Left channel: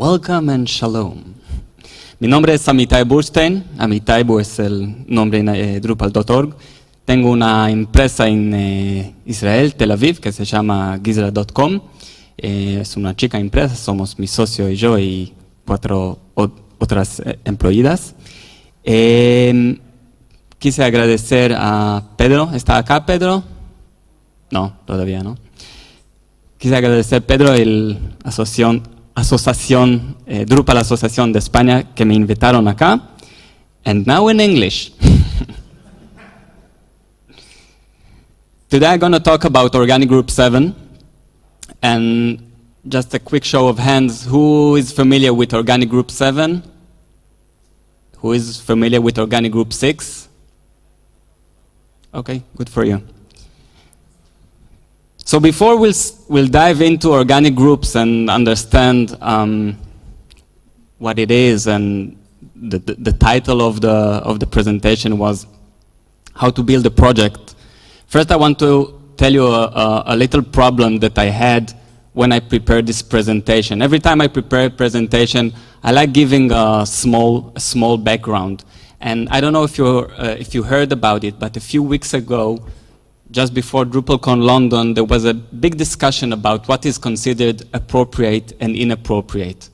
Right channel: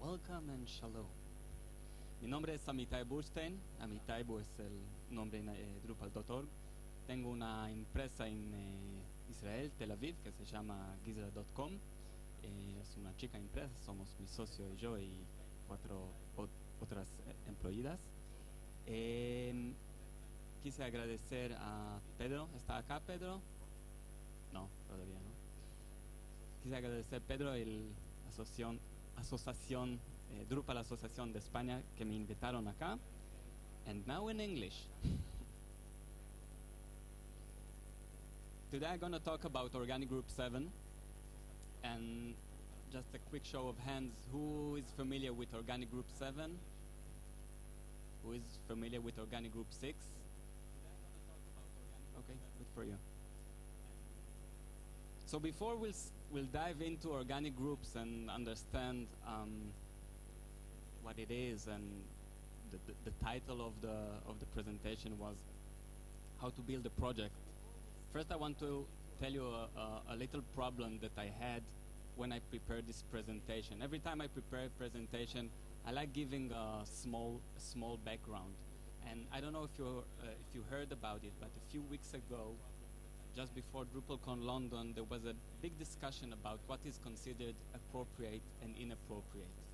Welcome and shalom. Mi nombre es Amitaibu. Amitaibu es el nombre en Drupal.org. Tengo una empresa en Israel, Tel Aviv, que se llama Gizra.com. Es una chica empresa, somos mi socio y yo y 4 otras empleadas. Quise agradecer a Pedro. ¿Está acá, Pedro? No, todavía no. Quise agradecer a Pedro, la asociación Drupal Asociación de España, que me invitaron acá. And now in English. Today I'm going to talk about Organic Group 7. And just a quick show of hands, who is familiar with Organic Group 7? Who is familiar with Organic Group 6? Okay, good for you. So before we'll dive into organic groups and understand what it is, and the title of the presentation was how to build a project. First, I want to tell you a little problem that I had when I prepared this presentation. Every time I prepare a presentation, I like giving a small background. And I don't know if you heard about it, but a few weeks ago, just before DrupalCon London, there was a big discussion about what is considered appropriate and inappropriate.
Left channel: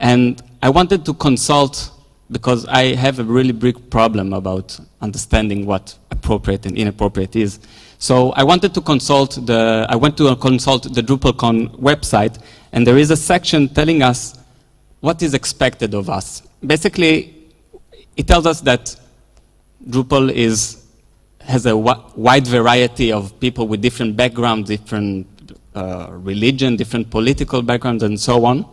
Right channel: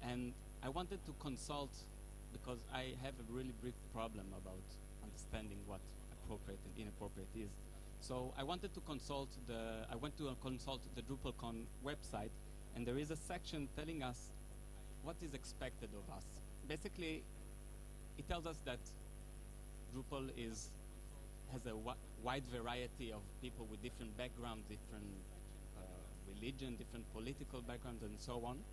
And I wanted to consult, because I have a really big problem about understanding what appropriate and inappropriate is. So I went to consult the DrupalCon website, and there is a section telling us what is expected of us. Basically, it tells us that Drupal has a wide variety of people with different backgrounds, different religion, different political backgrounds, and so on.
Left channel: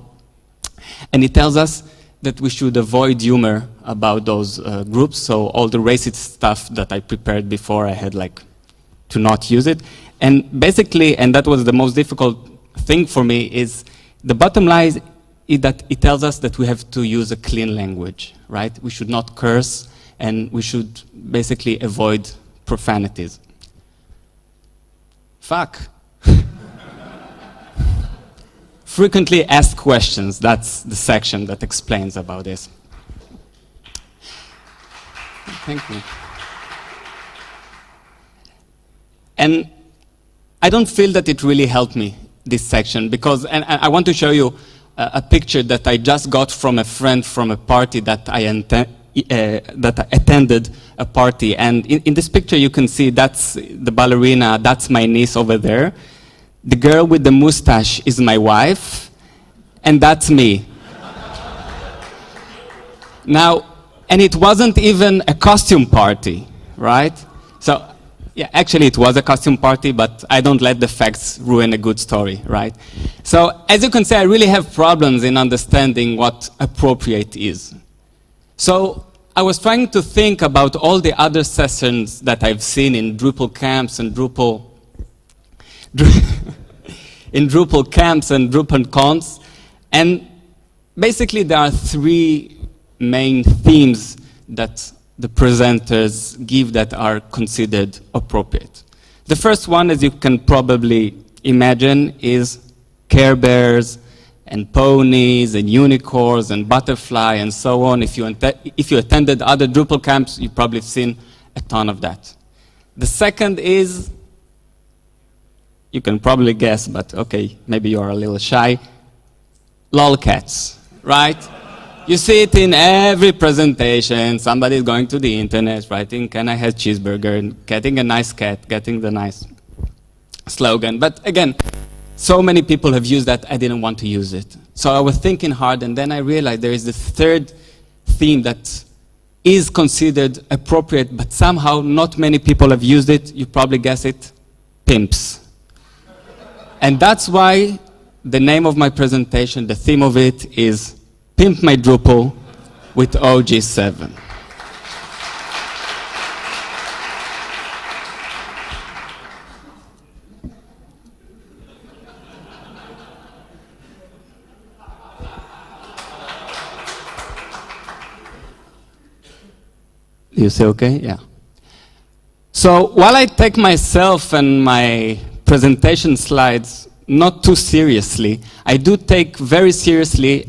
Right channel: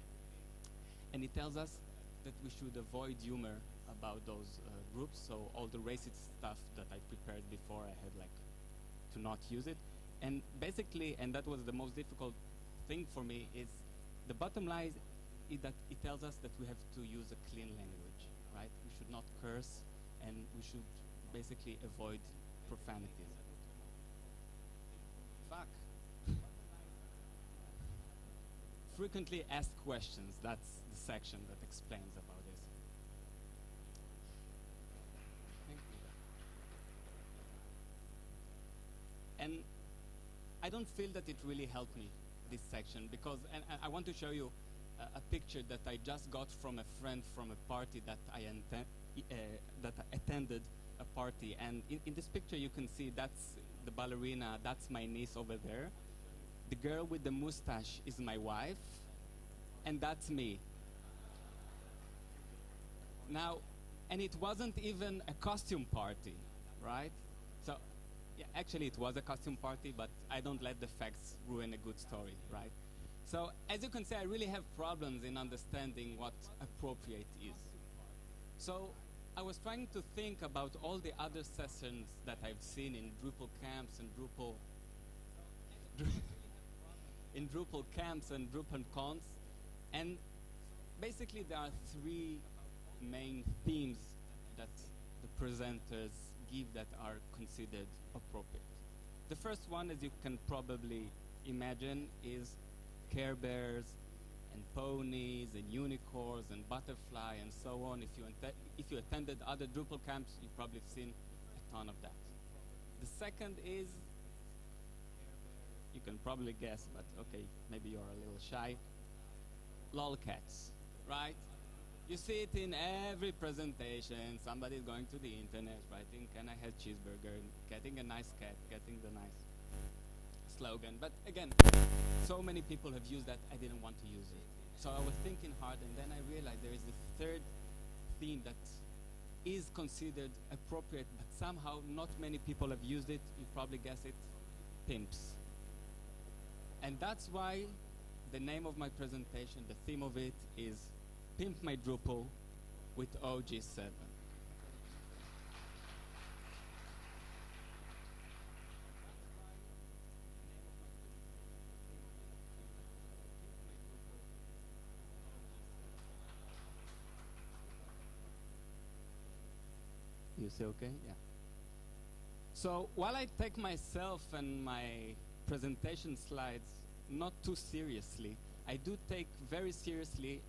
And it tells us that we should avoid humor about those groups. So all the racist stuff that I prepared before, I had to not use it. And basically, and that was the most difficult thing for me, is the bottom line is that it tells us that we have to use a clean language, right? We should not curse, and we should basically avoid profanities. Fuck. Frequently asked questions, that's the section that explains about this. Thank you. And I don't feel that it really helped me, this section, because, and I want to show you a picture that I just got from a friend from a party that I attended a party. And in this picture you can see that's the ballerina, that's my niece over there. The girl with the mustache is my wife, and that's me. Now, and it wasn't even a costume party, right? So, yeah, actually it was a costume party, but I don't let the facts ruin a good story, right? So, as you can see, I really have problems in understanding what appropriate is. So I was trying to think about all the other sessions that I've seen in Drupal camps and in Drupal camps and Drupal cons, and basically there are 3 main themes that the presenters give that are considered appropriate. The first one, as you can probably imagine, is Care Bears and ponies and unicorns and butterfly and so on. If you attended other Drupal camps, you've probably seen a ton of that. The second is, you can probably guess, but okay, maybe you're a little shy, lolcats, right? You see it in every presentation. Somebody's going to the internet, writing, "Can I have cheeseburger?" and getting a nice cat, getting the nice slogan. But again, so many people have used that, I didn't want to use it. So I was thinking hard, and then I realized there is the third theme that is considered appropriate, but somehow not many people have used it. You probably guess it, pimps. And that's why the name of my presentation, the theme of it is Pimp My Drupal with OG7. You say okay? Yeah. So while I take myself and my presentation slides not too seriously, I do take very seriously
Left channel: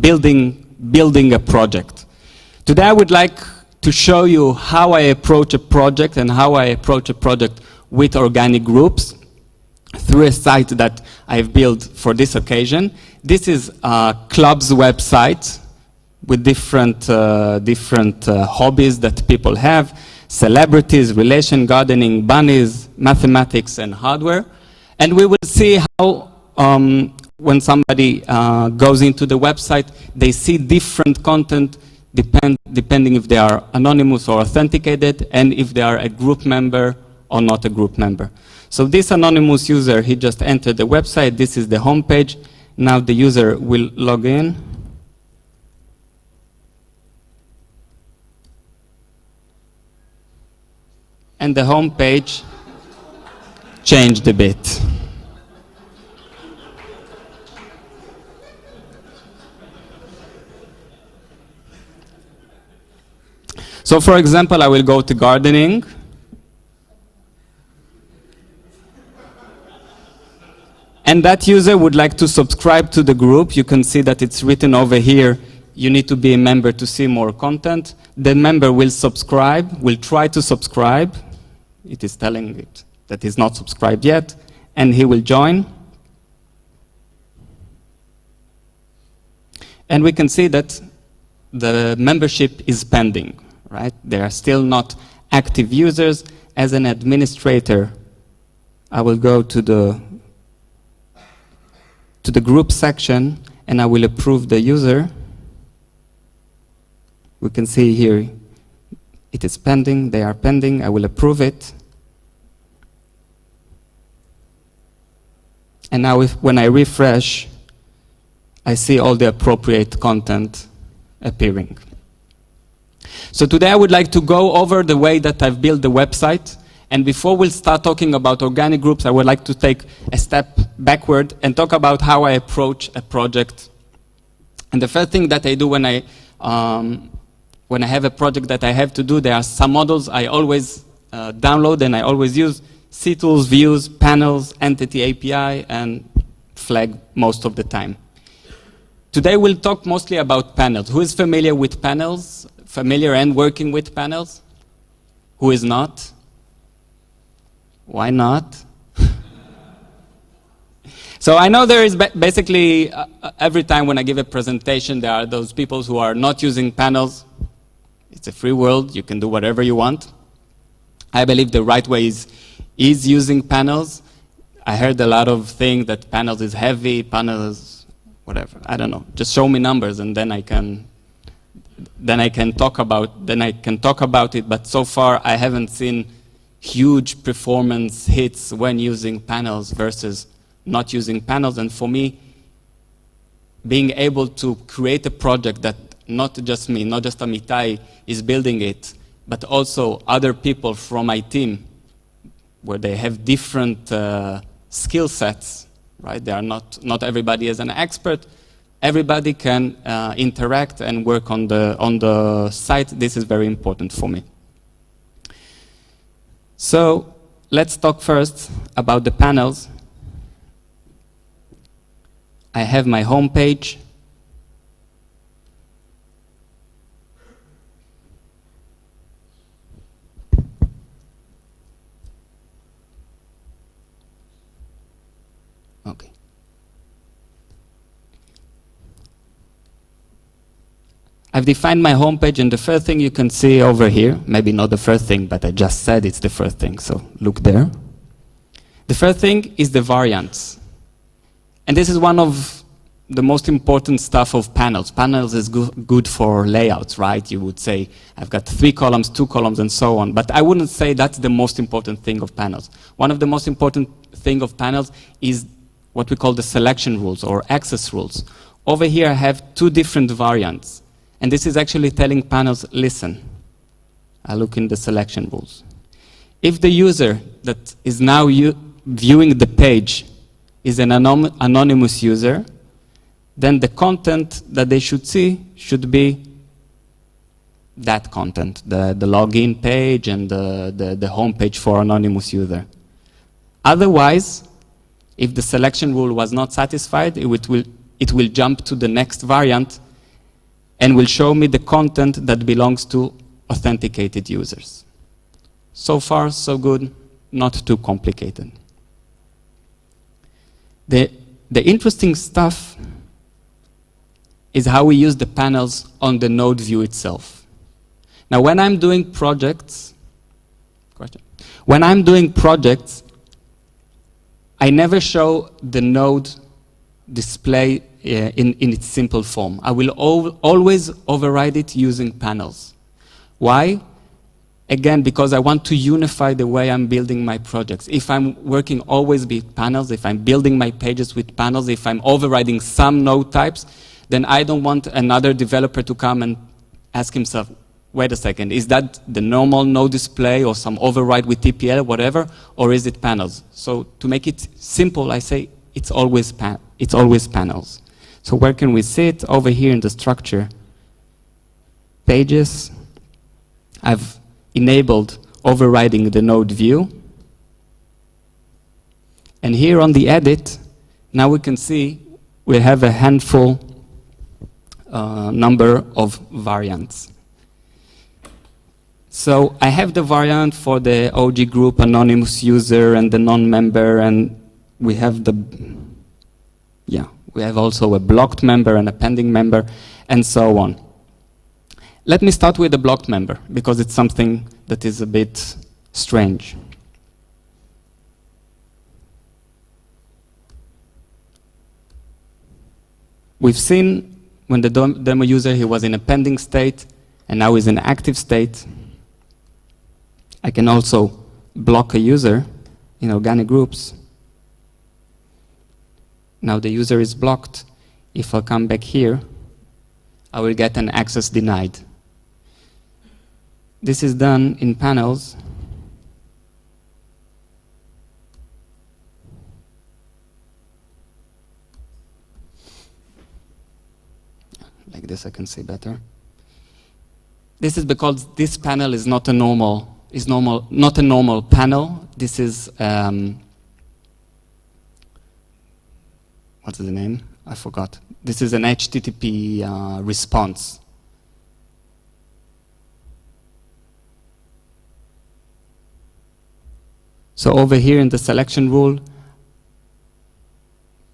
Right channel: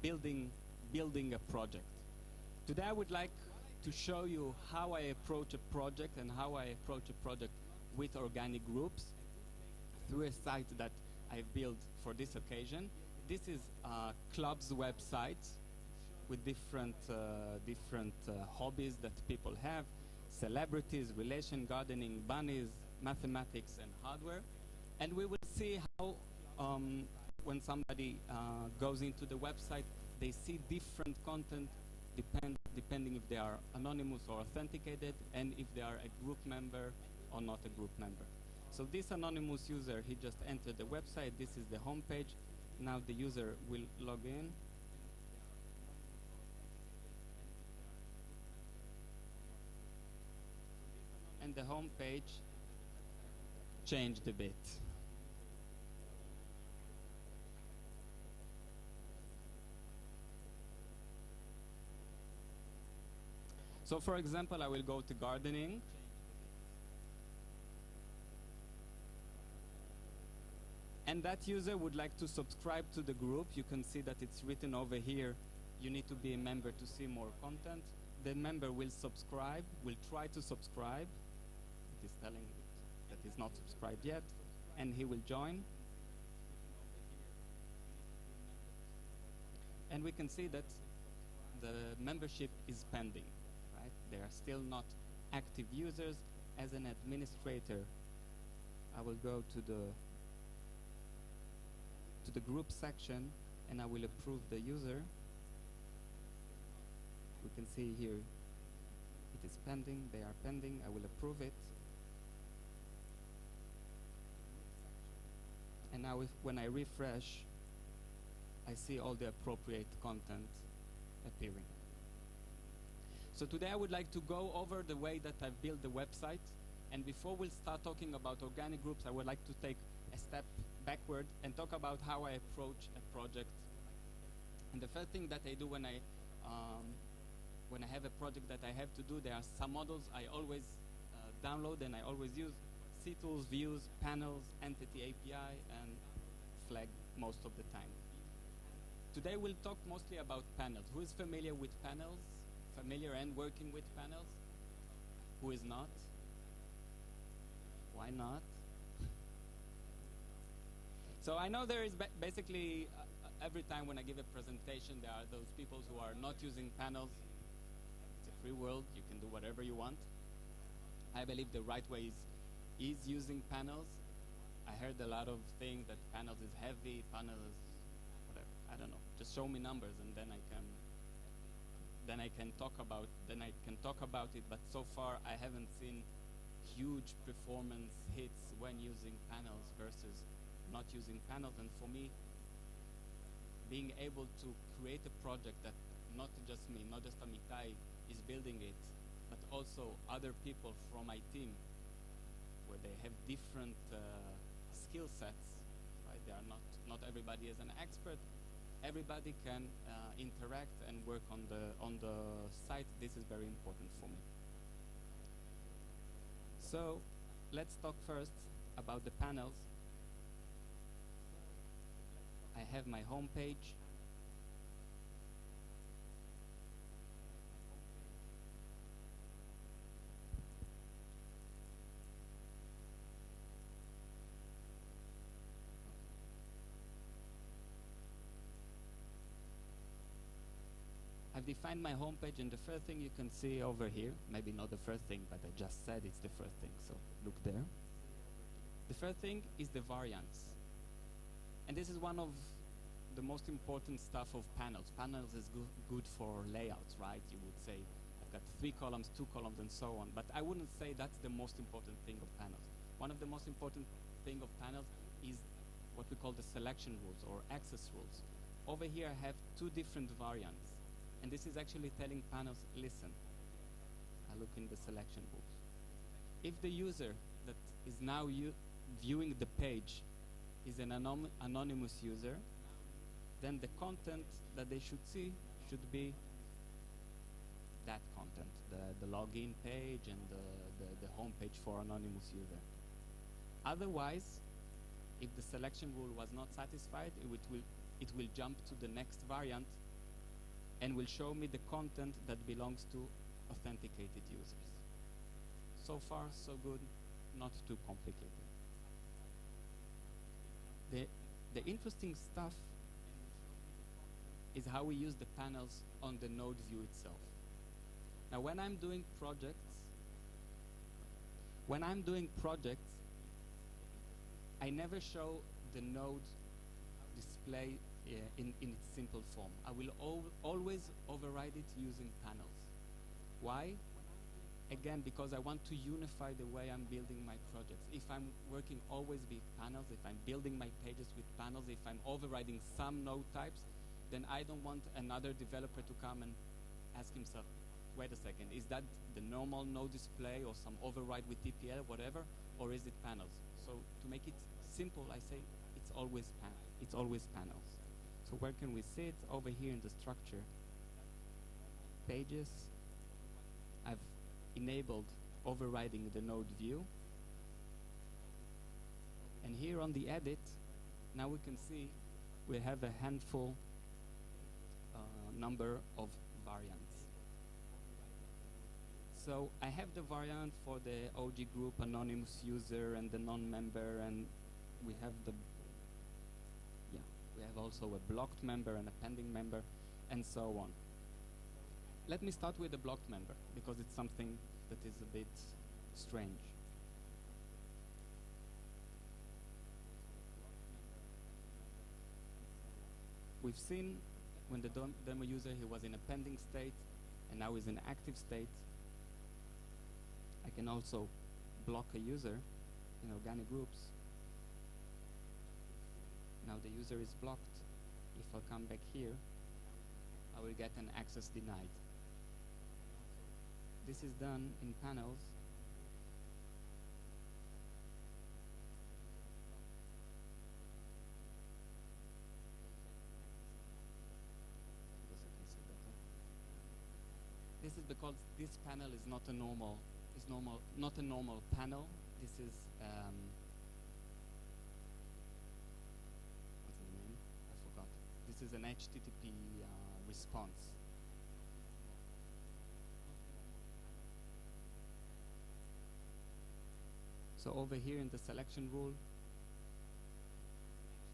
building a project. Today I would like to show you how I approach a project and how I approach a project with organic groups through a site that I've built for this occasion. This is a club's website with different hobbies that people have: celebrities, relation, gardening, bunnies, mathematics, and hardware. And we will see how when somebody goes into the website, they see different content depending if they are anonymous or authenticated, and if they are a group member or not a group member. So this anonymous user, he just entered the website. This is the home page. Now the user will log in. And the home page changed a bit. So for example, I will go to gardening. And that user would like to subscribe to the group. You can see that it's written over here, you need to be a member to see more content. The member will subscribe, will try to subscribe. It is telling it that he's not subscribed yet, and he will join. And we can see that the membership is pending, right? They are still not active users. As an administrator, I will go to the group section and I will approve the user. We can see here it is pending, they are pending, I will approve it. And now when I refresh, I see all the appropriate content appearing. So today I would like to go over the way that I've built the website. And before we'll start talking about organic groups, I would like to take a step backward and talk about how I approach a project. And the first thing that I do when I have a project that I have to do, there are some models I always download and I always use: CTools, views, panels, entity API, and flag most of the time. Today we'll talk mostly about panels. Who is familiar with panels? Familiar and working with panels? Who is not? Why not? So I know there is basically, every time when I give a presentation, there are those people who are not using panels. It's a free world, you can do whatever you want. I believe the right way is using panels. I heard a lot of things that panels is heavy, panels, whatever, I don't know. Just show me numbers and then I can talk about it, but so far I haven't seen huge performance hits when using panels versus not using panels. And for me, being able to create a project that not just me, not just Amitai is building it, but also other people from my team, where they have different skill sets, right? They are not everybody is an expert. Everybody can interact and work on the site. This is very important for me. So let's talk first about the panels. I have my home page. Okay. I've defined my home page, and the first thing you can see over here, maybe not the first thing, but I just said it's the first thing, so look there. The first thing is the variants. And this is one of the most important stuff of panels. Panels is good for layouts, right? You would say, I've got 3 columns, 2 columns, and so on. But I wouldn't say that's the most important thing of panels. One of the most important thing of panels is what we call the selection rules or access rules. Over here I have 2 different variants. And this is actually telling panels, listen, I look in the selection rules. If the user that is now viewing the page is an anonymous user, then the content that they should see should be that content, the login page and the home page for anonymous user. Otherwise, If the selection rule was not satisfied, it will jump to the next variant and will show me the content that belongs to authenticated users. So far, so good, not too complicated. The interesting stuff is how we use the panels on the node view itself. Now, when I'm doing projects, I never show the node display in its simple form. I will always override it using panels. Why? Again, because I want to unify the way I'm building my projects. If I'm working always with panels, if I'm building my pages with panels, if I'm overriding some node types, then I don't want another developer to come and ask himself, wait a second, is that the normal node display or some override with TPL, whatever, or is it panels? So to make it simple, I say it's always panels. So where can we see it? Over here in the structure, pages, I've enabled overriding the node view. And here on the edit, now we can see we have a handful number of variants. So I have the variant for the OG group, anonymous user, and the non-member, and we have we have also a blocked member and a pending member, and so on. Let me start with the blocked member, because it's something that is a bit strange. We've seen when the demo user, he was in a pending state, and now he's in active state. I can also block a user in organic groups. Now the user is blocked. If I come back here, I will get an access denied. This is done in panels. Like this I can see better. This is because this panel is not a normal panel. This is what's the name? I forgot. This is an HTTP response. So over here in the selection rule,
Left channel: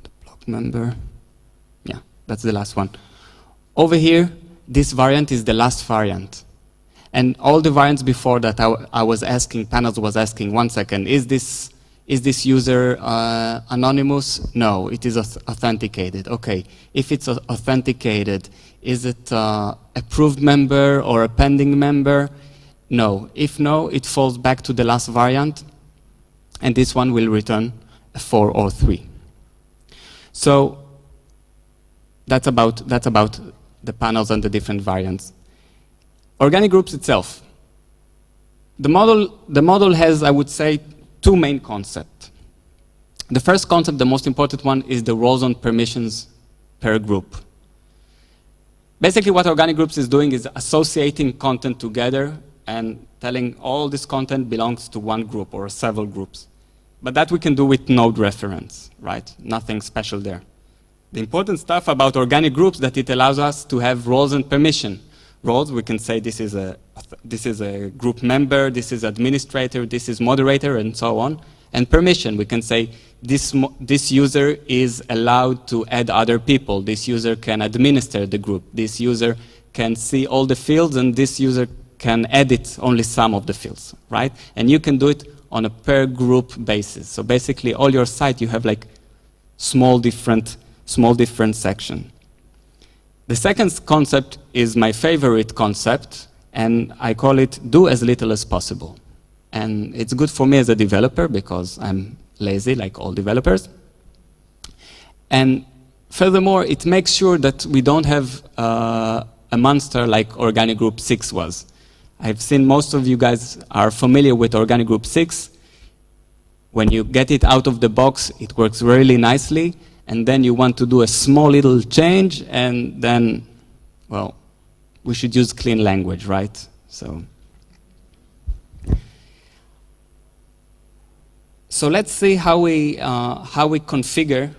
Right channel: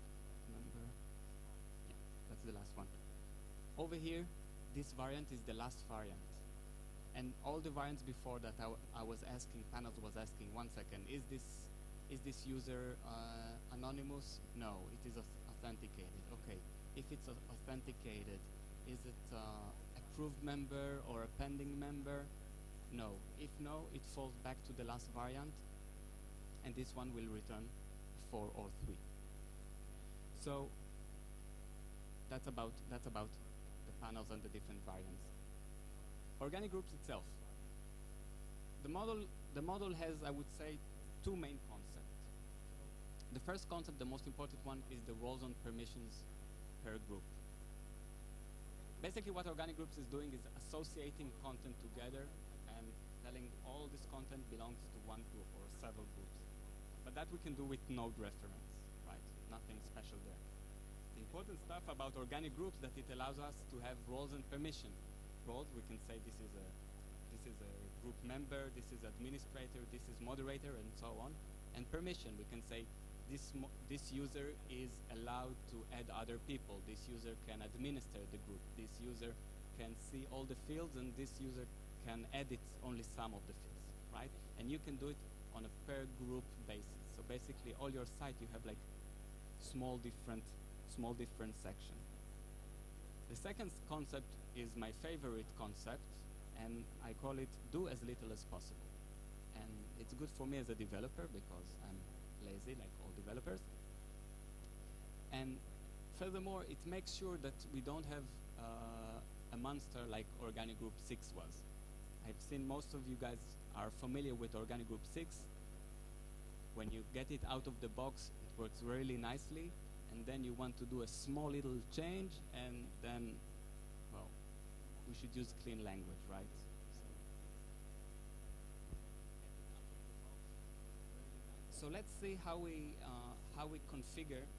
the block member, yeah, that's the last one. Over here, this variant is the last variant. And all the variants before that, I was asking, panels was asking, 1 second, is this user anonymous? No, it is authenticated. Okay, if it's authenticated, is it approved member or a pending member? No. If no, it falls back to the last variant, and this one will return a 4 or 3. So that's about the panels and the different variants. Organic groups itself. The model has, I would say, 2 main concepts. The first concept, the most important one, is the roles and permissions per group. Basically, what organic groups is doing is associating content together and telling all this content belongs to one group or several groups. But that we can do with node reference, right? Nothing special there. The important stuff about organic groups that it allows us to have roles and permission. Roles, we can say this is a group member, this is administrator, this is moderator, and so on. And permission, we can say this user is allowed to add other people. This user can administer the group. This user can see all the fields, and this user can edit only some of the fields, right? And you can do it on a per group basis. So basically, all your site, you have like small different section. The second concept is my favorite concept, and I call it do as little as possible. And it's good for me as a developer because I'm lazy like all developers. And furthermore, it makes sure that we don't have a monster like Organic Group 6 was. I've seen most of you guys are familiar with Organic Group 6. When you get it out of the box, it works really nicely. And then you want to do a small little change, and then, well, we should use clean language, right? So So let's see how we configure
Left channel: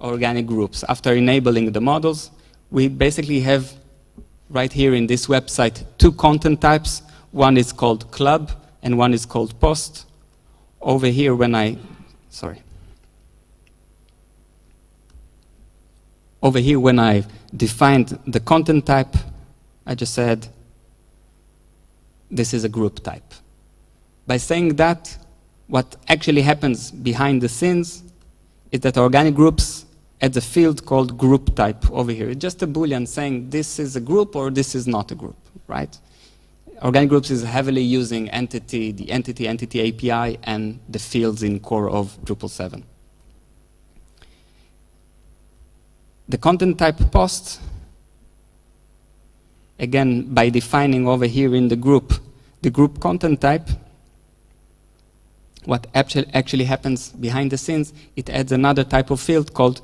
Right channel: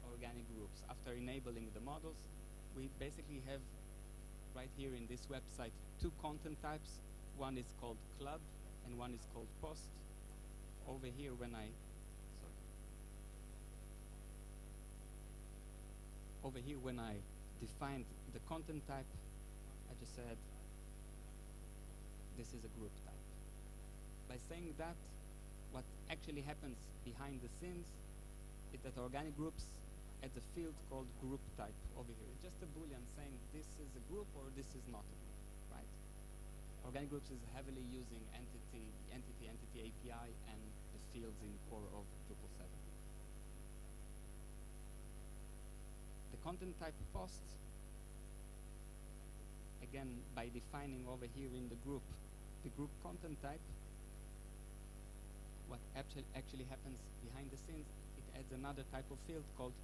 organic groups. After enabling the models, we basically have right here in this website 2 content types. One is called club and one is called post. Over here when I defined the content type, I just said this is a group type. By saying that, what actually happens behind the scenes is that organic groups adds a field called group type over here. It's just a Boolean saying this is a group or this is not a group, right? Organic groups is heavily using the entity API and the fields in core of Drupal 7. The content type post, again, by defining over here in the group content type, what actually happens behind the scenes, it adds another type of field called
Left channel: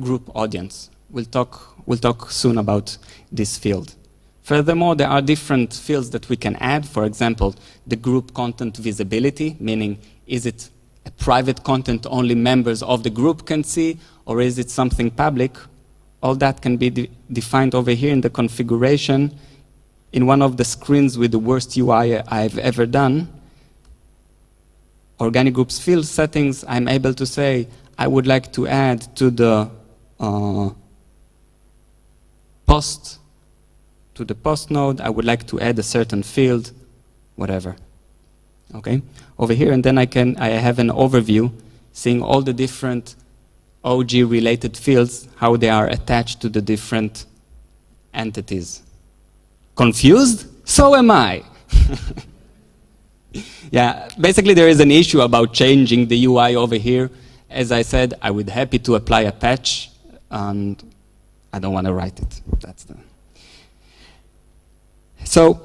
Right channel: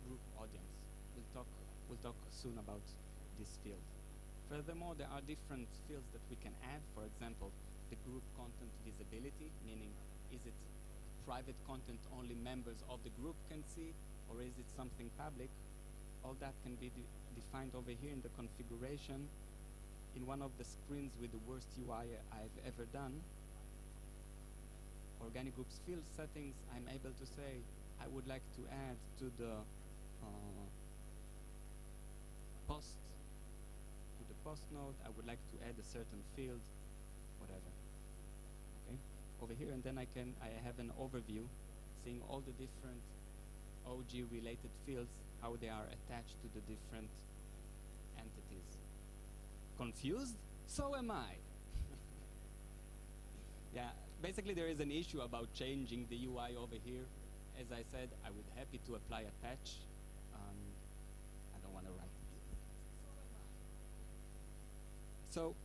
group audience. We'll talk soon about this field. Furthermore, there are different fields that we can add. For example, the group content visibility, meaning is it a private content only members of the group can see, or is it something public? All that can be defined over here in the configuration. In one of the screens with the worst UI I've ever done, organic groups field settings, I'm able to say I would like to add to the post node, I would like to add a certain field, whatever. Okay, over here, and then I have an overview, seeing all the different OG related fields, how they are attached to the different entities. Confused? So am I. Yeah, basically there is an issue about changing the UI over here. As I said, I would be happy to apply a patch, and I don't want to write it. That's the. So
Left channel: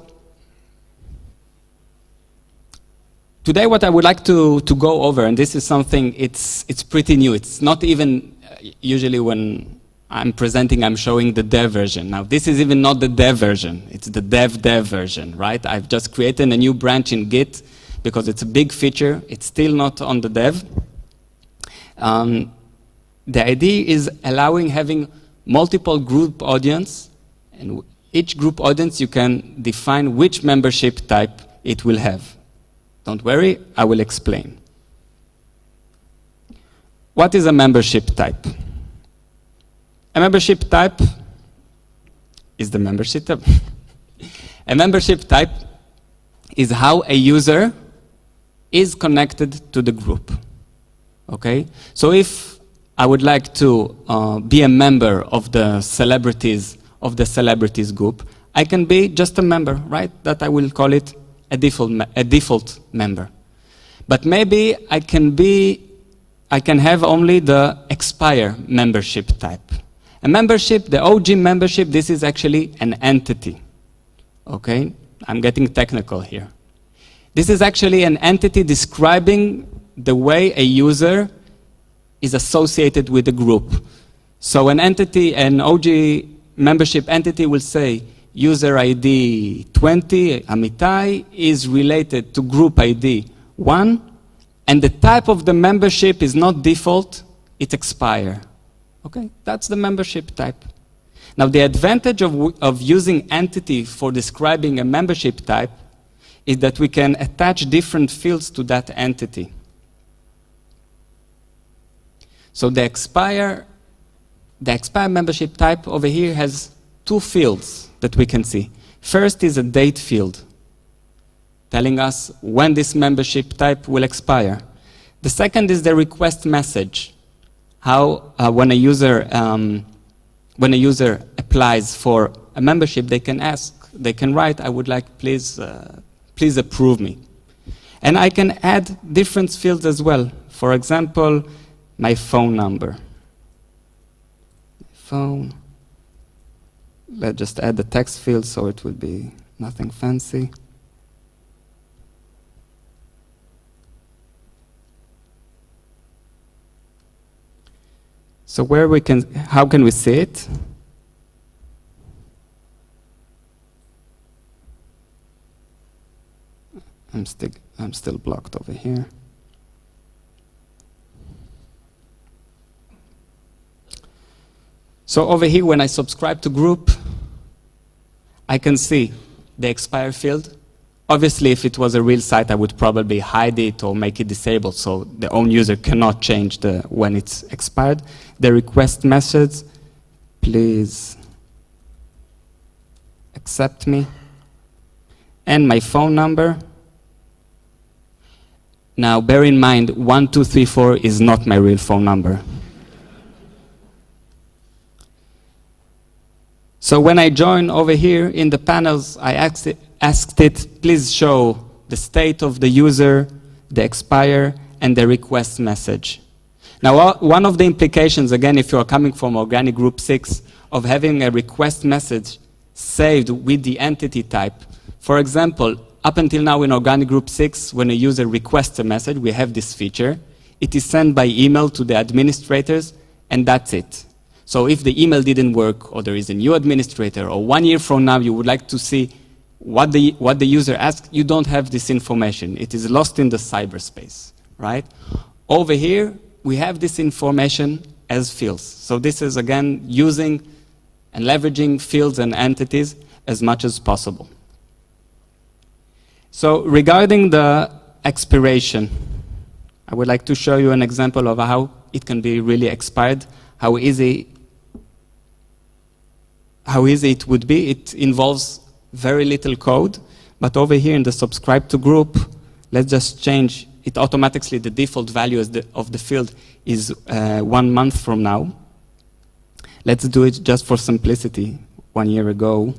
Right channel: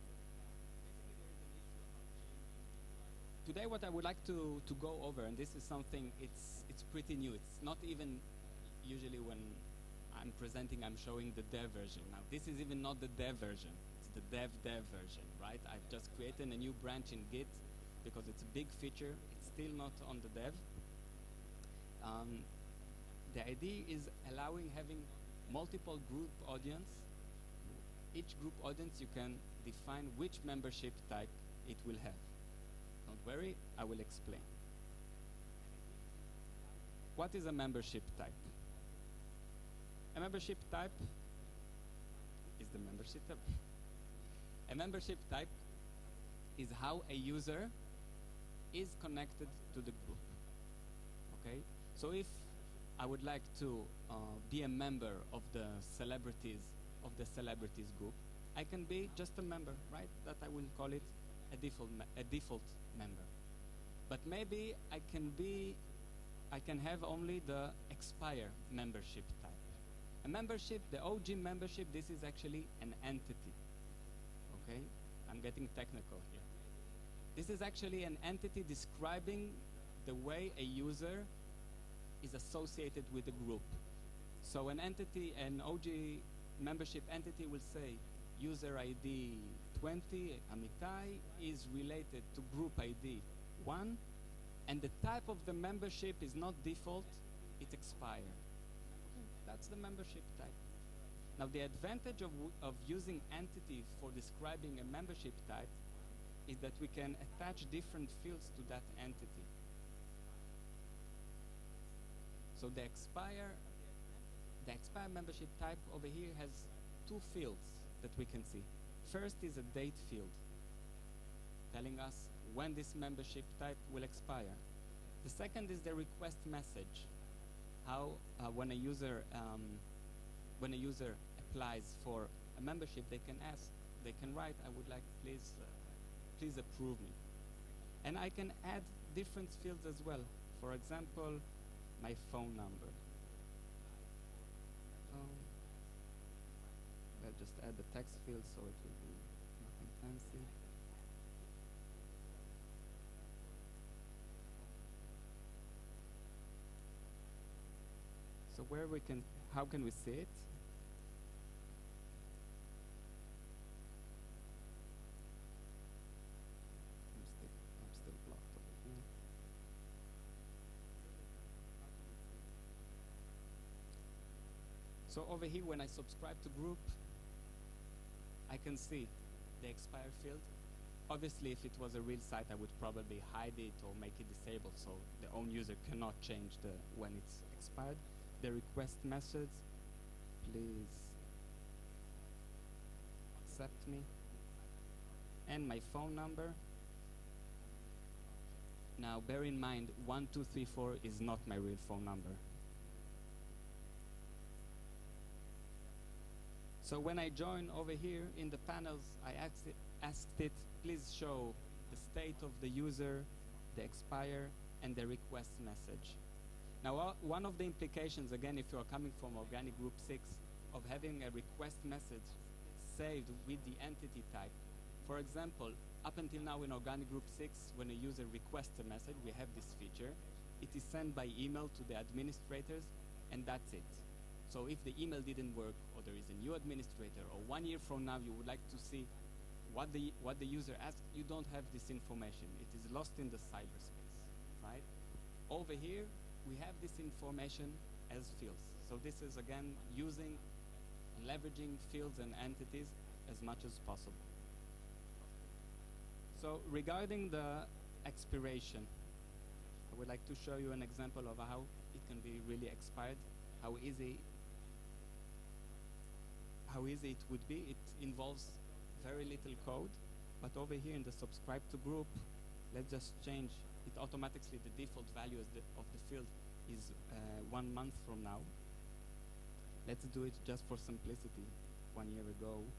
today what I would like to go over, and this is something, it's pretty new. It's not even, usually when I'm presenting, I'm showing the dev version. Now this is even not the dev version, it's the dev version, right? I've just created a new branch in Git because it's a big feature. It's still not on the dev. The idea is having multiple group audience, and each group audience you can define which membership type it will have. Don't worry, I will explain. What is a membership type? A membership type is the membership type. A membership type is how a user is connected to the group. Okay? So if I would like to be a member of the celebrities group, I can be just a member, right? That I will call it a default member. But maybe I can have only the expire membership type. A membership, the OG membership, this is actually an entity. Okay? I'm getting technical here. This is actually an entity describing the way a user is associated with a group. So an entity, an OG membership entity will say user ID 20, Amitai, is related to group ID 1, and the type of the membership is not default, it's expire. Okay, that's the membership type. Now the advantage of using entity for describing a membership type is that we can attach different fields to that entity. So the expire membership type over here has 2 fields that we can see. First is a date field, telling us when this membership type will expire. The second is the request message, how when a user applies for a membership, they can write, I would like, please approve me. And I can add different fields as well. For example, my phone number. Let's just add the text field so it will be nothing fancy. So how can we see it? I'm still blocked over here. So over here, when I subscribe to group, I can see the expire field. Obviously, if it was a real site, I would probably hide it or make it disabled so the own user cannot change when it's expired. The request message, please accept me. And my phone number. Now, bear in mind, 1234 is not my real phone number. So when I join over here in the panels, I asked it, please show the state of the user, the expire, and the request message. Now, one of the implications, again, if you are coming from Organic Group 6, of having a request message saved with the entity type. For example, up until now in Organic Group 6, when a user requests a message, we have this feature. It is sent by email to the administrators, and that's it. So if the email didn't work, or there is a new administrator, or 1 year from now you would like to see what the user asked, you don't have this information. It is lost in the cyberspace, right? Over here, we have this information as fields. So this is, again, using and leveraging fields and entities as much as possible. So regarding the expiration, I would like to show you an example of how it can be really expired, how easy it would be. It involves very little code, but over here in the subscribe to group, let's just change it automatically. The default value of the field is 1 month from now. Let's do it just for simplicity, 1 year ago.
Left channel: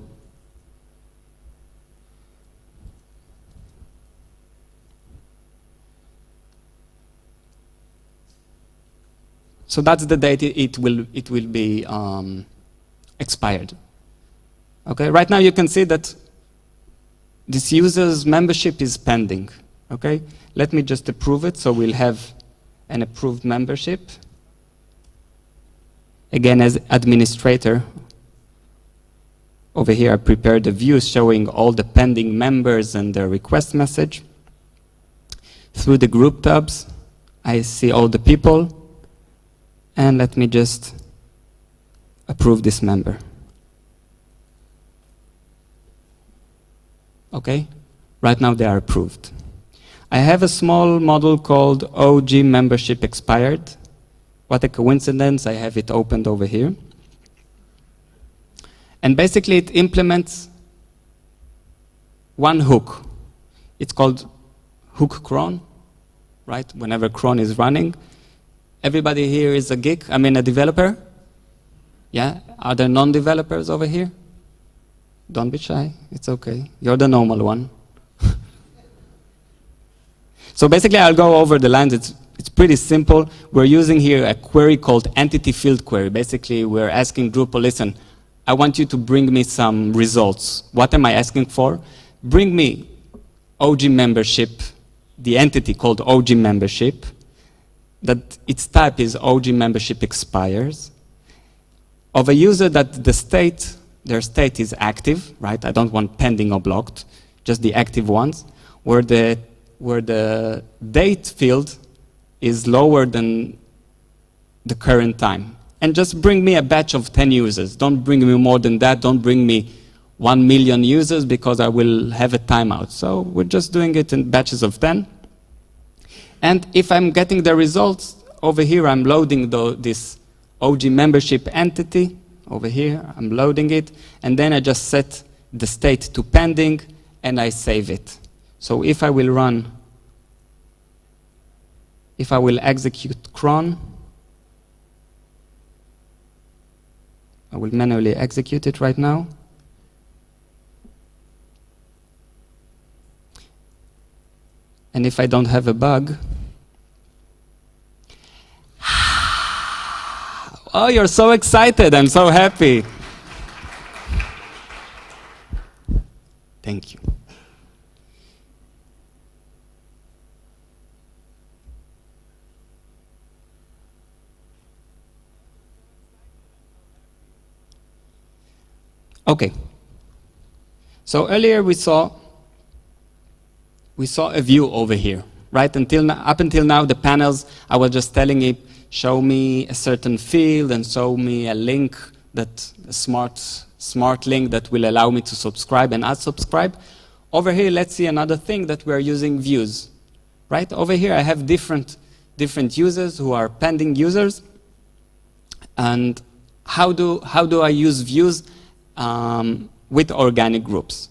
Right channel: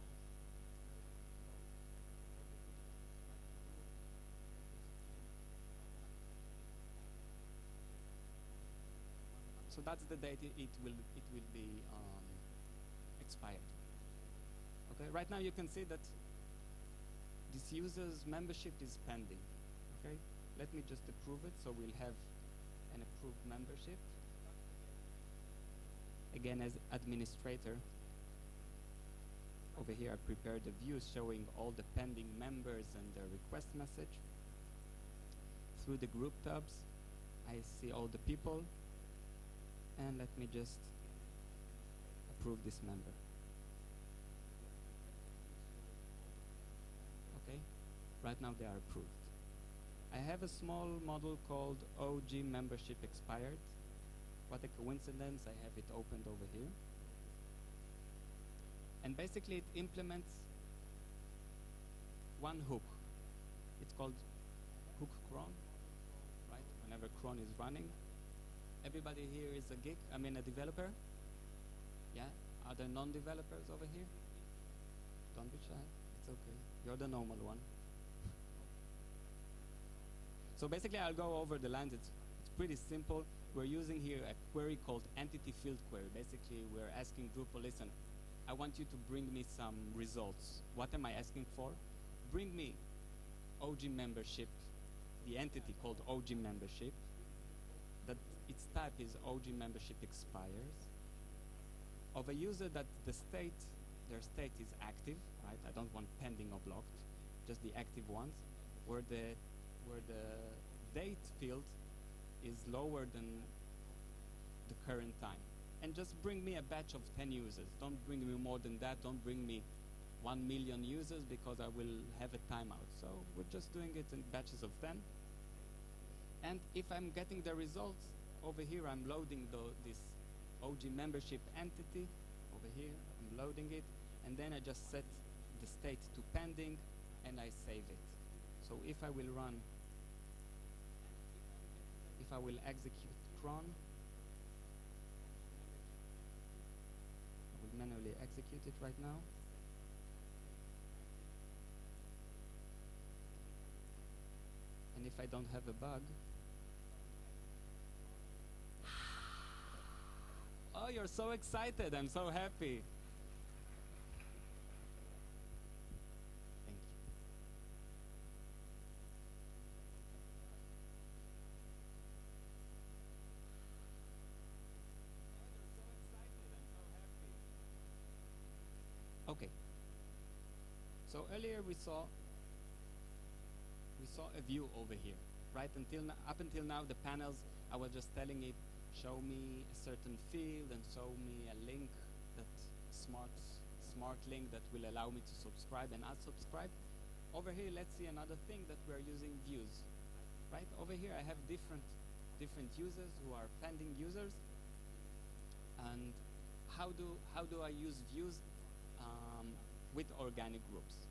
So that's the date it will be expired. Okay, right now you can see that this user's membership is pending. Okay, let me just approve it, so we'll have an approved membership. Again, as administrator, over here I prepared a view showing all the pending members and their request message. Through the group tabs, I see all the people, and let me just approve this member. Okay, right now they are approved. I have a small model called OG membership expired. What a coincidence, I have it opened over here. And basically it implements one hook. It's called hook cron, right? Whenever cron is running. Everybody here is a geek, I mean a developer? Yeah, are there non-developers over here? Don't be shy, it's okay. You're the normal one. So basically I'll go over the lines. It's pretty simple. We're using here a query called entity field query. Basically we're asking Drupal, listen, I want you to bring me some results. What am I asking for? Bring me OG membership, the entity called OG membership, that its type is OG membership expires, of a user that their state is active, right? I don't want pending or blocked, just the active ones, where the date field is lower than the current time. And just bring me a batch of 10 users. Don't bring me more than that. Don't bring me 1 million users because I will have a timeout. So we're just doing it in batches of 10. And if I'm getting the results, over here I'm loading this OG membership entity. Over here, I'm loading it. And then I just set the state to pending, and I save it. So if I will execute cron, I will manually execute it right now. And if I don't have a bug, oh, you're so excited, I'm so happy. Thank you. Okay. So earlier we saw a view over here, right? Up until now, the panels, I was just telling it, show me a certain field and show me a link that a smart link that will allow me to subscribe and unsubscribe. Over here, let's see another thing that we're using views, right? Over here, I have different users who are pending users. And how do I use views with organic groups?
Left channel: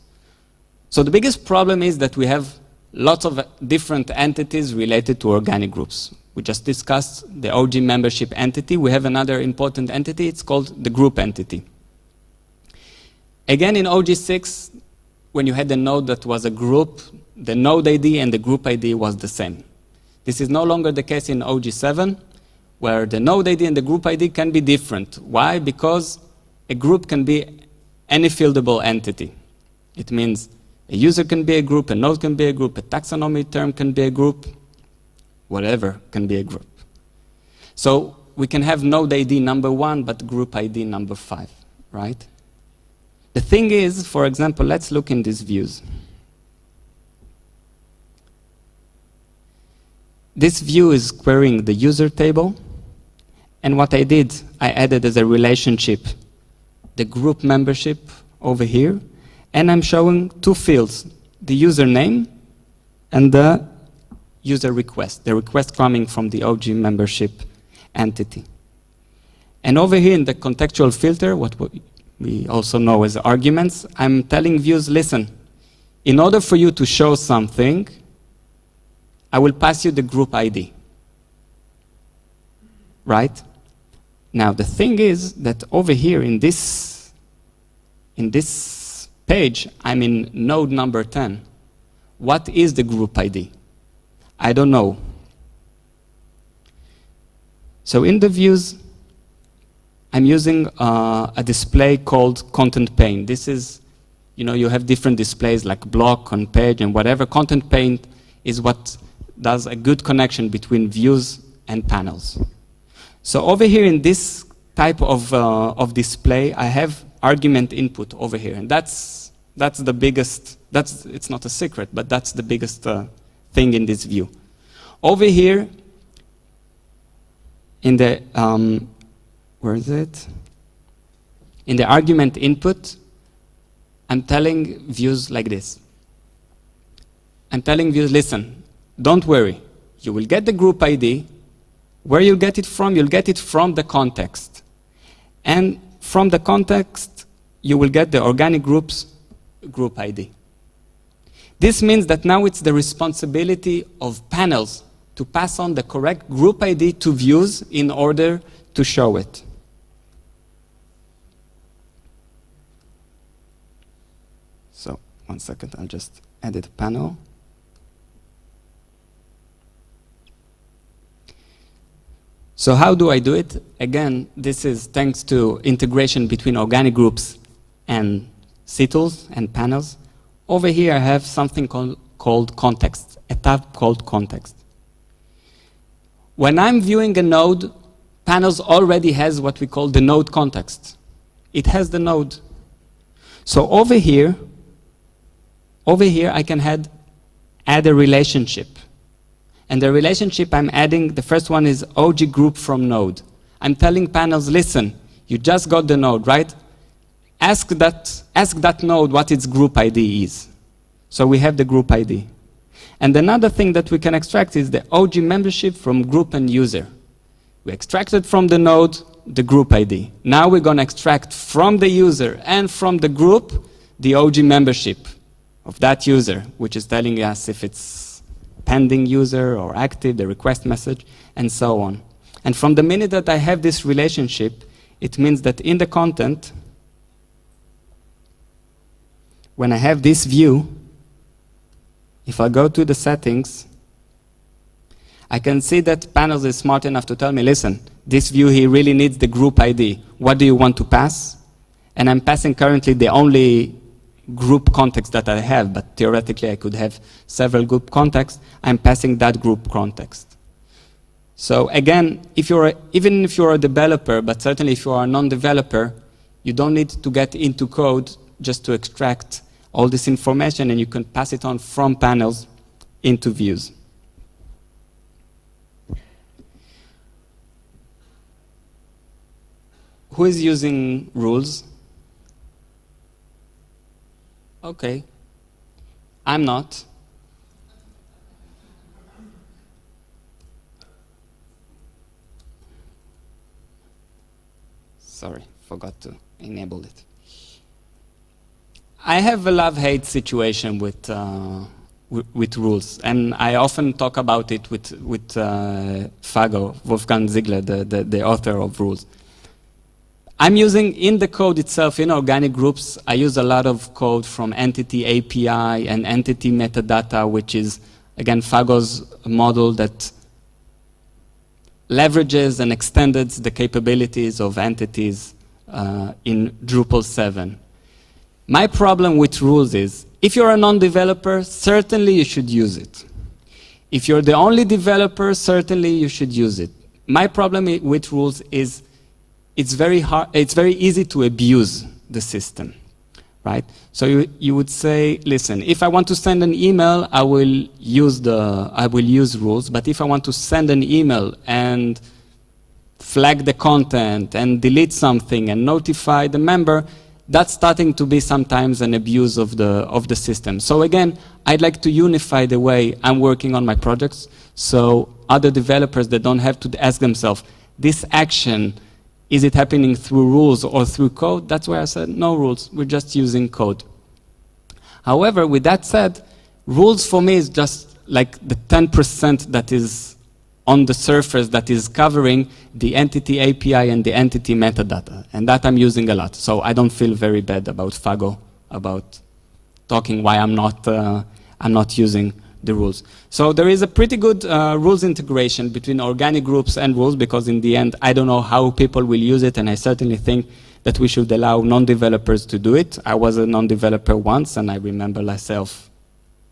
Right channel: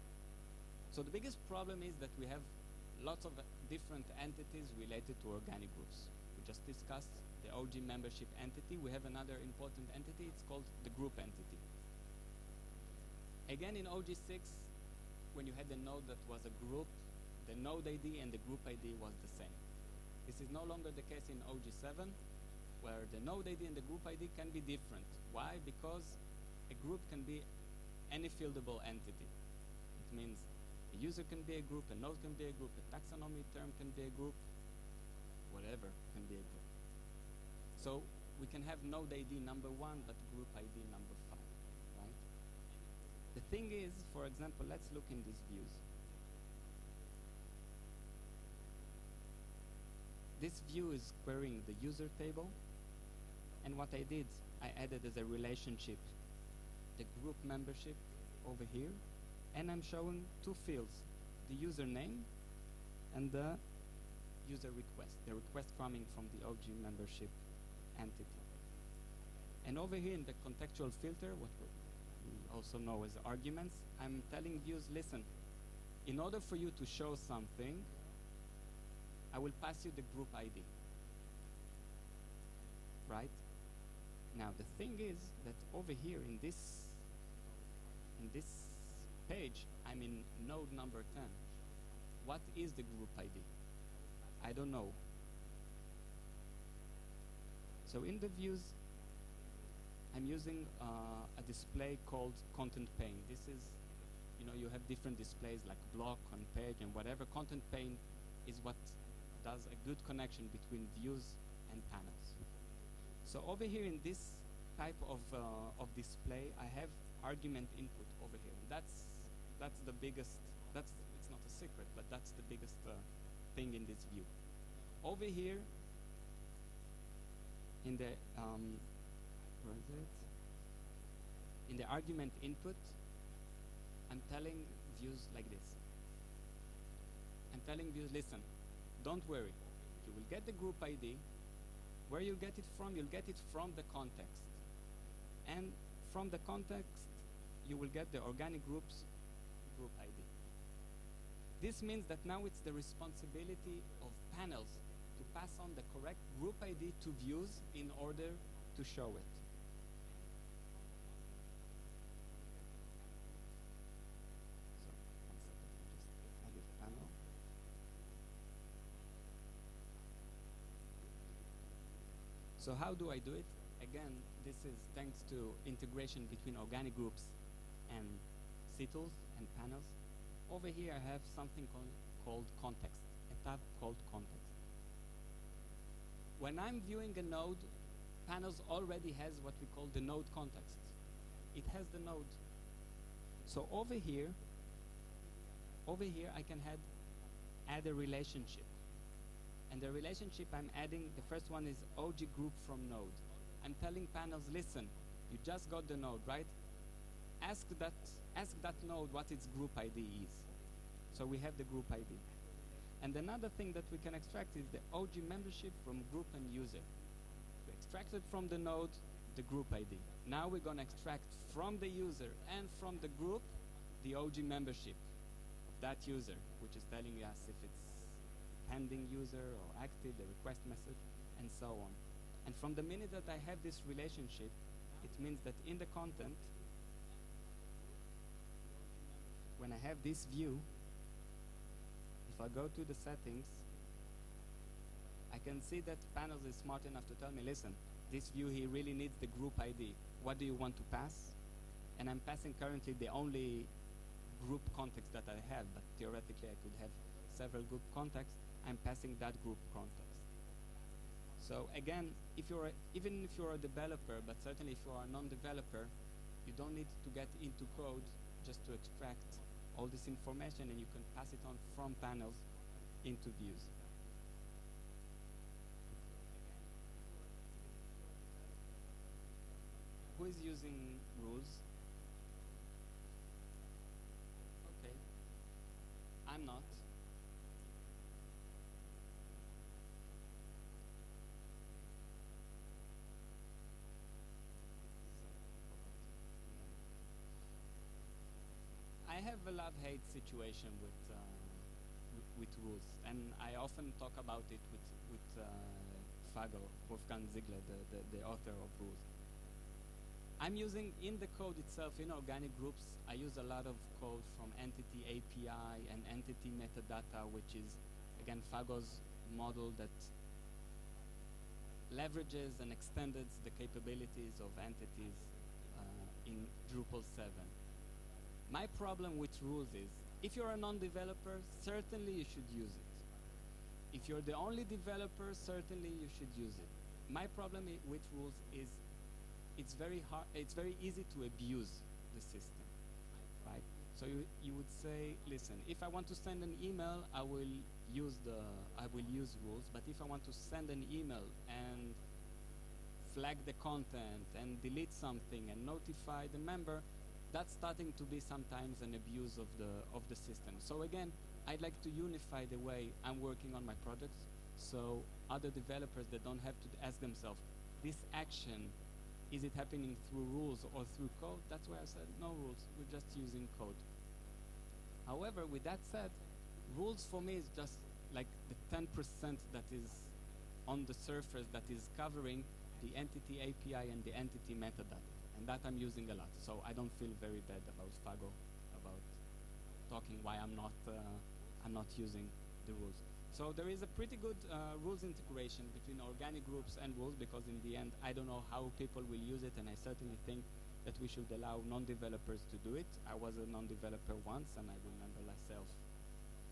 So the biggest problem is that we have lots of different entities related to organic groups. We just discussed the OG membership entity. We have another important entity. It's called the group entity. Again, in OG6, when you had a node that was a group, the node ID and the group ID was the same. This is no longer the case in OG7, where the node ID and the group ID can be different. Why? Because a group can be any fieldable entity. It means a user can be a group, a node can be a group, a taxonomy term can be a group, whatever can be a group. So we can have node ID number 1, but group ID number 5, right? The thing is, for example, let's look in these views. This view is querying the user table, and what I did, I added as a relationship the group membership over here, and I'm showing 2 fields, the username and the user request, the request coming from the OG membership entity. And over here in the contextual filter, what we also know as arguments, I'm telling views, listen, in order for you to show something, I will pass you the group ID, right? Now, the thing is that over here in this page, I'm in node number 10. What is the group ID? I don't know. So in the views, I'm using a display called content pane. This is, you have different displays like block, on page, and whatever. Content pane is what does a good connection between views and panels. So over here in this type of display, I have argument input over here, and that's the biggest. It's not a secret, but that's the biggest thing in this view. Over here, in the where is it? In the argument input, I'm telling views like this. I'm telling views, listen, don't worry. You will get the group ID. Where you'll get it from? You'll get it from the context. And from the context, you will get the organic groups group ID. This means that now it's the responsibility of panels to pass on the correct group ID to views in order to show it. So, 1 second, I'll just edit a panel. So how do I do it? Again, this is thanks to integration between organic groups and CTools and panels. Over here, I have something called context, a tab called context. When I'm viewing a node, panels already has what we call the node context. It has the node. So over here I can add a relationship. And the relationship I'm adding, the first one is OG group from node. I'm telling panels, listen, you just got the node, right? Ask that node what its group ID is. So we have the group ID. And another thing that we can extract is the OG membership from group and user. We extracted from the node the group ID. Now we're going to extract from the user and from the group the OG membership of that user, which is telling us if it's pending user or active, the request message, and so on. And from the minute that I have this relationship, it means that in the content, when I have this view, if I go to the settings, I can see that panels is smart enough to tell me, listen, this view here really needs the group ID. What do you want to pass? And I'm passing currently the only group context that I have, but theoretically I could have several group contexts. I'm passing that group context. So again, even if you're a developer, but certainly if you are a non-developer, you don't need to get into code just to extract all this information, and you can pass it on from panels into views. Who is using rules? Okay. I'm not. Sorry, forgot to enable it. I have a love-hate situation with rules, and I often talk about it with Fago, Wolfgang Ziegler, the author of rules. I'm using, in the code itself, in organic groups, I use a lot of code from entity API and entity metadata, which is, again, Fago's model that leverages and extends the capabilities of entities in Drupal 7. My problem with rules is, if you're a non-developer, certainly you should use it. If you're the only developer, certainly you should use it. My problem with rules is it's very easy to abuse the system, right? So you would say, listen, if I want to send an email, I will use rules, but if I want to send an email and flag the content and delete something and notify the member, that's starting to be sometimes an abuse of the system. So again, I'd like to unify the way I'm working on my projects, so other developers that don't have to ask themselves, this action, is it happening through rules or through code? That's why I said no rules, we're just using code. However, with that said, rules for me is just like the 10% that is on the surface that is covering the entity API and the entity metadata. And that I'm using a lot. So I don't feel very bad about Fago, about talking why I'm not using the rules. So there is a pretty good rules integration between organic groups and rules, because in the end, I don't know how people will use it, and I certainly think that we should allow non-developers to do it. I was a non-developer once, and I remember myself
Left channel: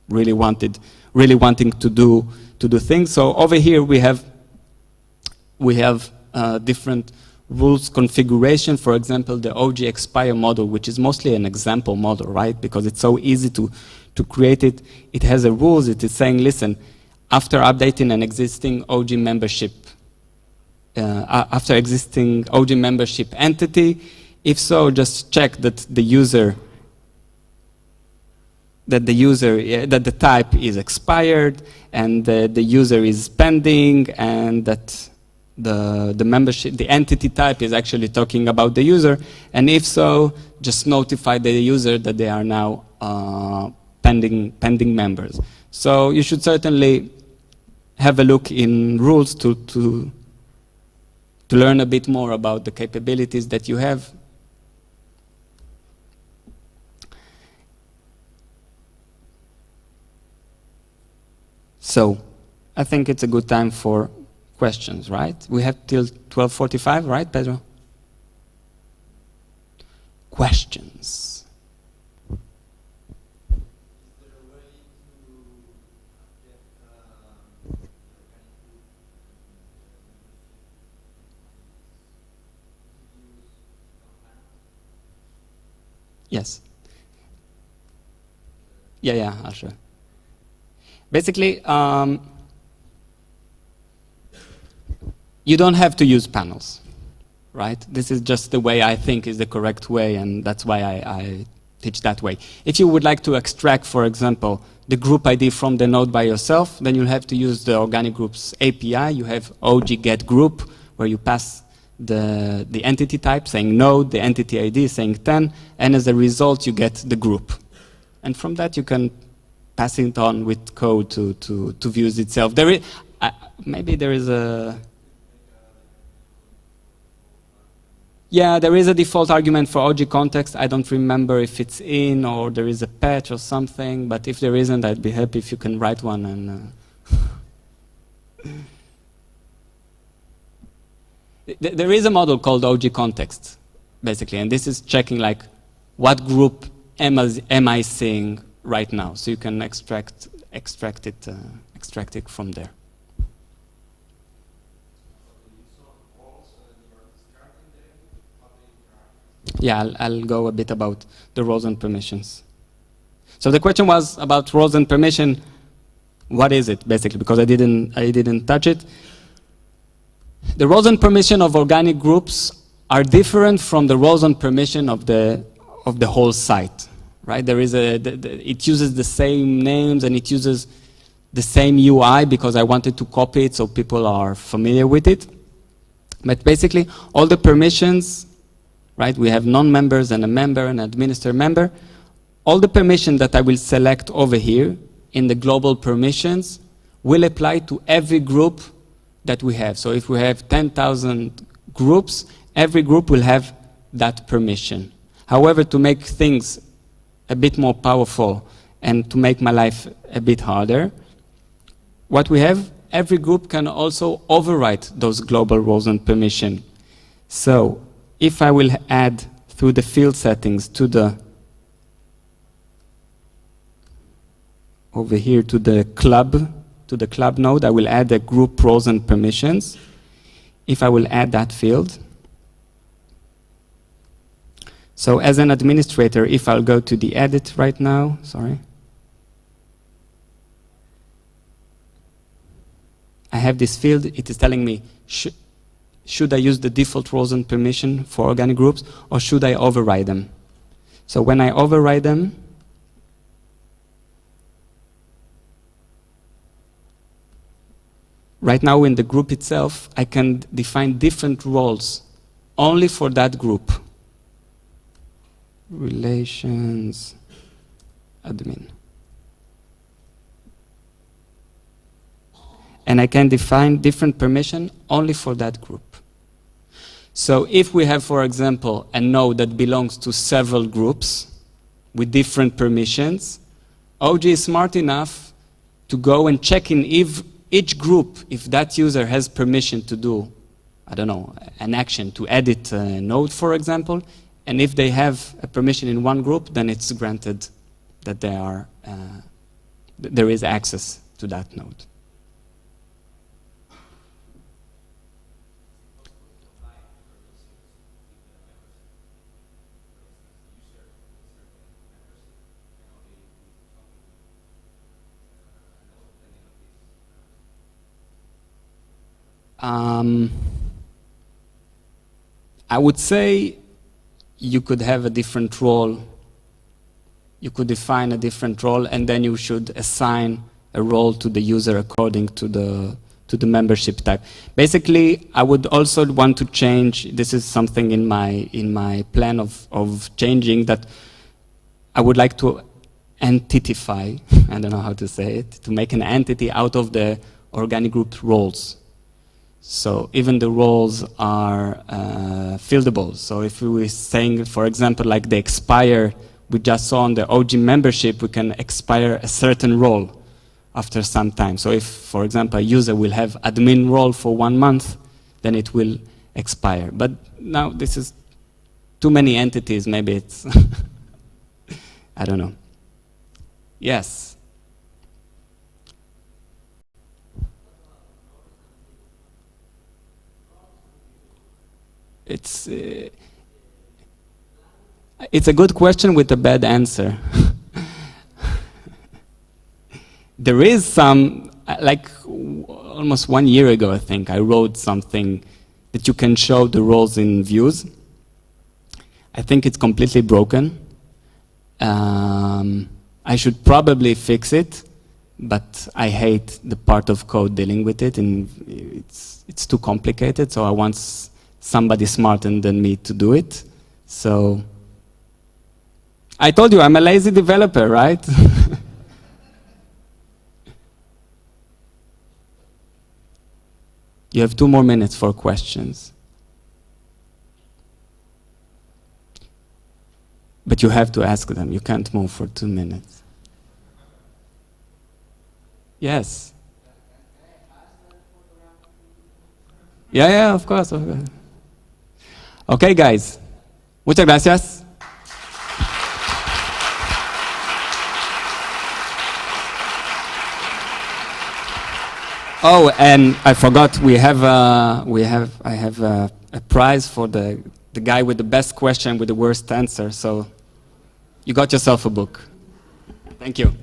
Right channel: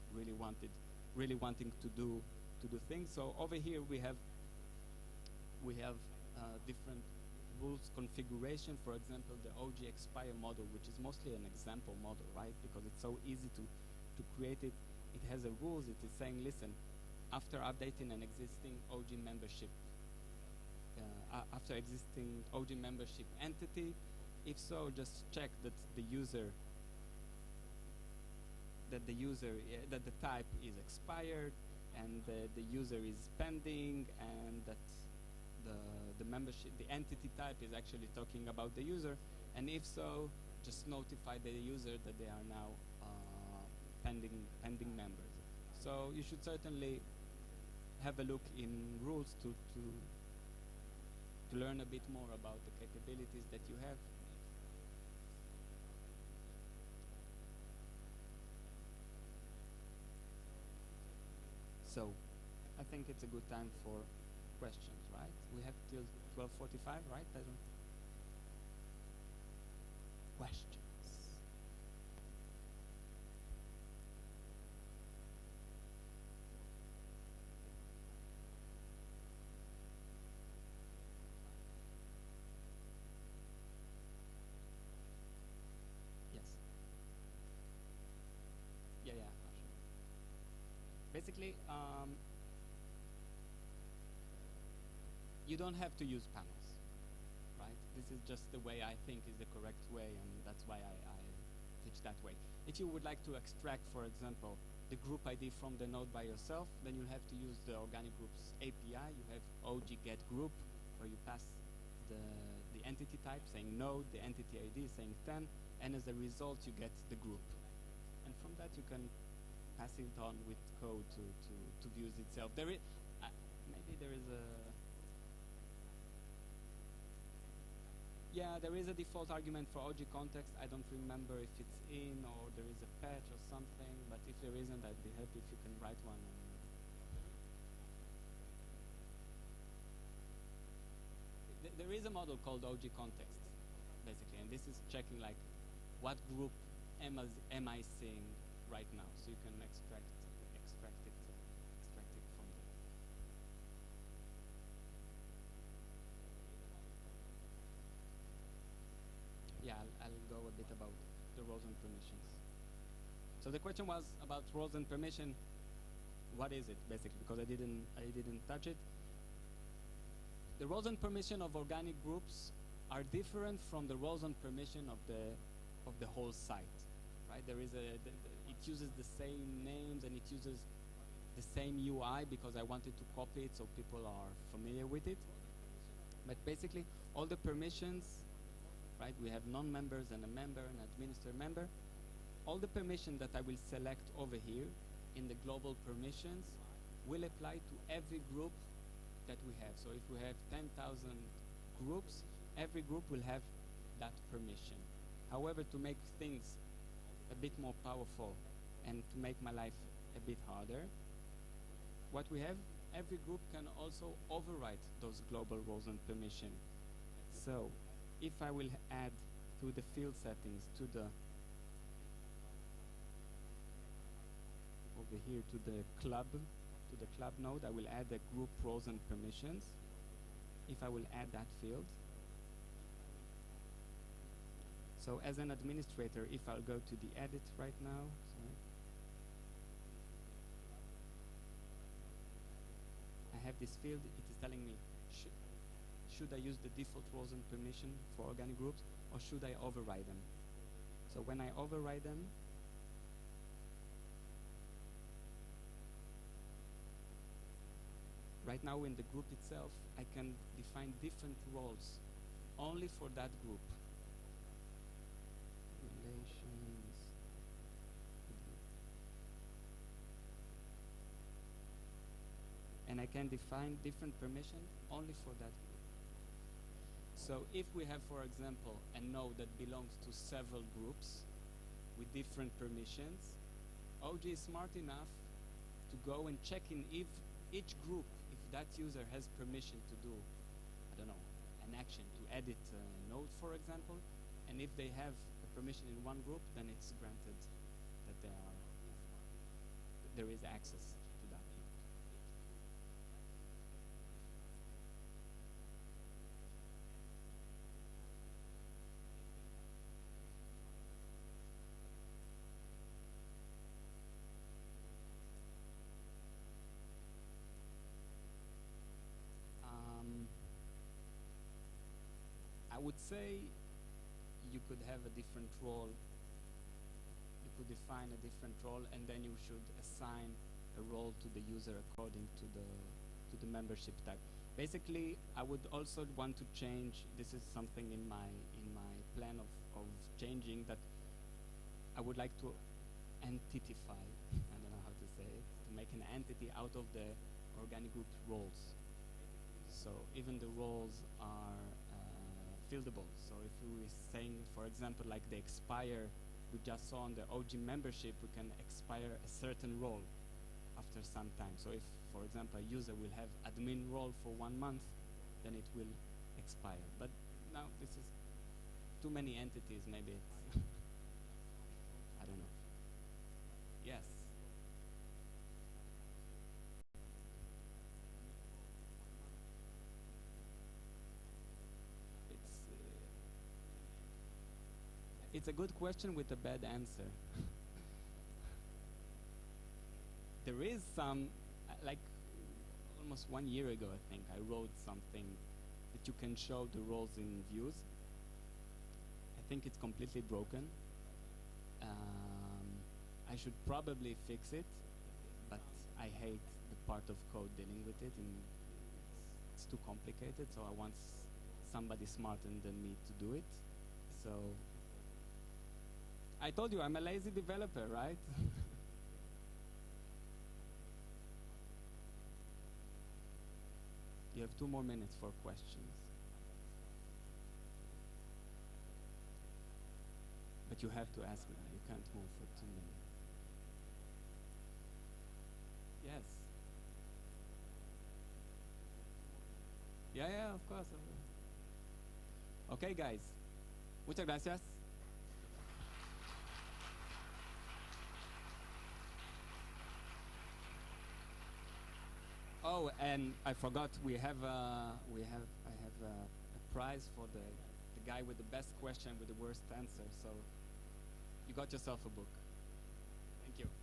really wanting to do things. So over here we have different rules configuration. For example, the OG expire model, which is mostly an example model, right? Because it's so easy to create it. It has a rules. It is saying, listen, after updating an existing OG membership, after existing OG membership entity, if so, just check that the type is expired and the user is pending, and that the membership, the entity type is actually talking about the user, and if so, just notify the user that they are now pending members. So you should certainly have a look in rules to learn a bit more about the capabilities that you have. So I think it's a good time for questions, right? We have till 12:45, right, Pedro? Questions. Yes. Yeah, I'll show. Basically, you don't have to use panels, right? This is just the way I think is the correct way, and that's why I teach that way. If you would like to extract, for example, the group ID from the node by yourself, then you'll have to use the organic groups API. You have OG get group, where you pass the entity type saying node, the entity ID saying 10, and as a result, you get the group. And from that, you can pass it on with code to views itself. There is, maybe there is a... Yeah, there is a default argument for OG context. I don't remember if it's in or there is a patch or something, but if there isn't, I'd be happy if you can write one. And there is a model called OG context, basically, and this is checking like what group am I seeing right now, so you can extract it from there. Yeah, I'll go a bit about the roles and permissions. So the question was about roles and permission. What is it, basically? Because I didn't touch it. The roles and permission of organic groups are different from the roles and permission of the whole site, right? There is it uses the same names and it uses the same UI because I wanted to copy it so people are familiar with it. But basically, all the permissions, right? We have non-members and a member and administrator member. All the permissions that I will select over here in the global permissions will apply to every group that we have. So if we have 10,000 groups, every group will have that permission. However, to make things a bit more powerful and to make my life a bit harder, what we have, every group can also overwrite those global roles and permission. So if I will add through the field settings to the over here to the club node, I will add the group roles and permissions. If I will add that field, so as an administrator, if I'll go to the edit right now, sorry, I have this field. It is telling me, should I use the default roles and permission for organic groups, or should I override them? So when I override them, right now in the group itself, I can define different roles only for that group. Relations, admin. And I can define different permission only for that group. So if we have, for example, a node that belongs to several groups with different permissions, OG is smart enough to go and check in if each group, if that user has permission to do, I don't know, an action to edit a node, for example, and if they have a permission in one group, then it's granted that they are, there is access to that node. I would say you could have a different role. You could define a different role, and then you should assign a role to the user according to the membership type. Basically, I would also want to change. This is something in my plan of changing, that I would like to entitify. I don't know how to say it. To make an entity out of the organic group roles. So even the roles are fieldable. So if we were saying, for example, like the expire we just saw on the OG membership, we can expire a certain role after some time. So if, for example, a user will have admin role for 1 month, then it will expire. But now this is too many entities, maybe it's, I don't know. Yes. It's a good question with a bad answer. There is some, like almost 1 year ago, I think, I wrote something that you can show the roles in views. I think it's completely broken. I should probably fix it, but I hate the part of code dealing with it, and it's too complicated, so I want somebody smarter than me to do it. So I told you I'm a lazy developer, right? You have 2 more minutes for questions. But you have to ask them. You can't move for 2 minutes. Yes. Yeah, of course. Okay, guys. Muchas gracias. Oh, and I forgot, I have a prize for the guy with the best question with the worst answer. So you got yourself a book. Thank you.